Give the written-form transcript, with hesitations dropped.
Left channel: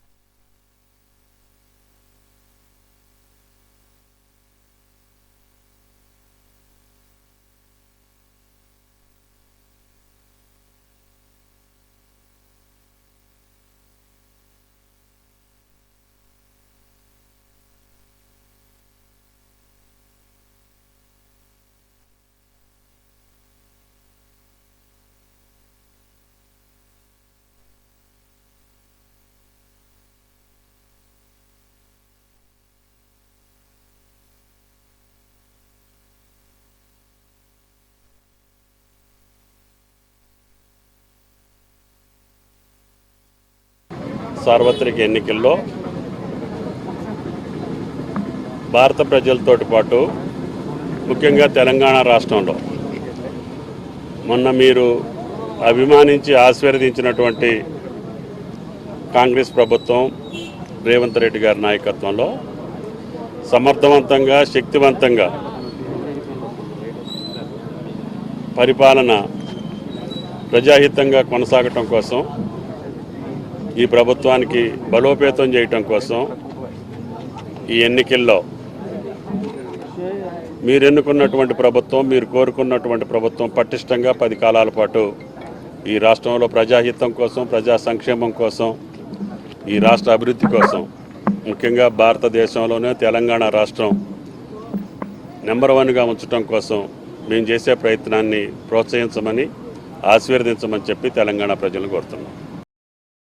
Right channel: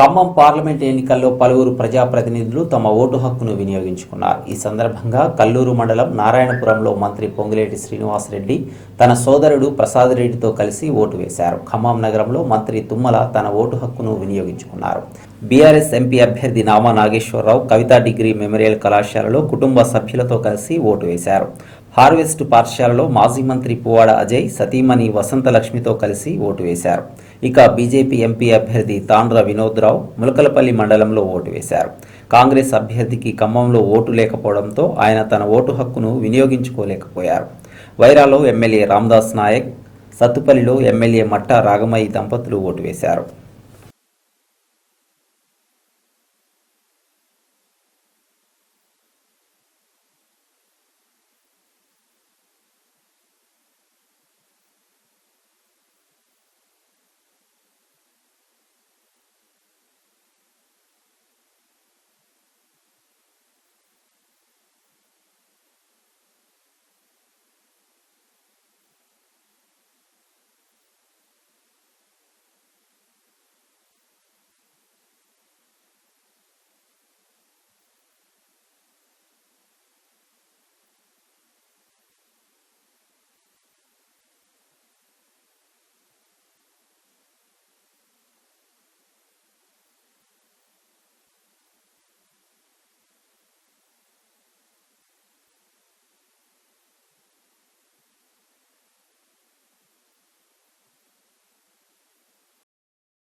Khammam parliament ఎన్నికల్లో పలువురు ప్రజాప్రతినిధులు తమ ఓటు హక్కును వినియోగించుకున్నారు. ఈ సందర్భంగా కల్లూరు మండలం నారాయణపురంలో మంత్రి పొంగులేటి శ్రీనివాసరెడ్డి తన సోదరుడు ప్రసాద్ రెడ్డితో కలిసి ఓటు వేశారు. ఖమ్మం నగరంలో మంత్రి తుమ్మల తన ఓటు హక్కును వినియోగించుకున్నారు. బీఆర్ఎస్ ఎంపీ అభ్యర్థి నామా నాగేశ్వరరావు కవితా డిగ్రీ మెమోరియల్ కళాశాలలో కుటుంబ సభ్యులతో కలిసి ఓటు వేశారు. హార్వెస్ట్ పాఠశాలలో మాజీ మంత్రి పువ్వాడ అజయ్ సతీమణి వసంతలక్ష్మితో కలిసి ఓటు వేశారు. ఇక బీజేపీ ఎంపీ అభ్యర్థి తాండ్ర వినోద్రావు ములకలపల్లి మండలంలో ఓటు వేశారు. కాంగ్రెస్ అభ్యర్థికి ఖమ్మంలో ఓటు లేకపోవడంతో ఆయన తన ఓటు హక్కును వినియోగించుకోలేకపోయారు. వైరాలో ఎమ్మెల్యే రామదాస్ నాయక్, సత్తుపల్లిలో ఎమ్మెల్యే మట్టా రాగమయ్యి దంపతులు ఓటు వేశారు. సార్వత్రిక ఎన్నికల్లో భారత ప్రజలతో పాటు ముఖ్యంగా తెలంగాణ రాష్ట్రంలో మొన్న మీరు అభిమానించి ఆశీర్వదించినటువంటి కాంగ్రెస్ ప్రభుత్వం రేవంత్ రెడ్డి గారి నాయకత్వంలో సమర్థవంతంగా శక్తివంతంగా పరిపాలన ప్రజాహితంగా కొనసాగటం కోసం ఈ ప్రభుత్వానికి బలోపేతం చేయటం కోసం ఈ ఎన్నికల్లో మీరు ఎన్నుకున్నటువంటి ప్రభుత్వం, మీరు కోరుకున్నటువంటి ప్రభుత్వం పటిష్టంగా 10 కాలాల పాటు ఈ రాష్ట్రంలో ప్రజాహితం కోసం, ప్రజా సంక్షేమం కోసం, ఈ రాష్ట్ర అభివృద్ధి కోసం, ముఖ్యంగా భారతదేశంలోనే తెలంగాణ రాష్ట్రం నెంబర్ 1గా ఉంచడం కోసం మేము చేసే ప్రయత్నాన్ని ప్రోత్సహించమని, ఆశీర్వదించమని చెప్పి తెలంగాణ ప్రజలను కోరుతున్నాం.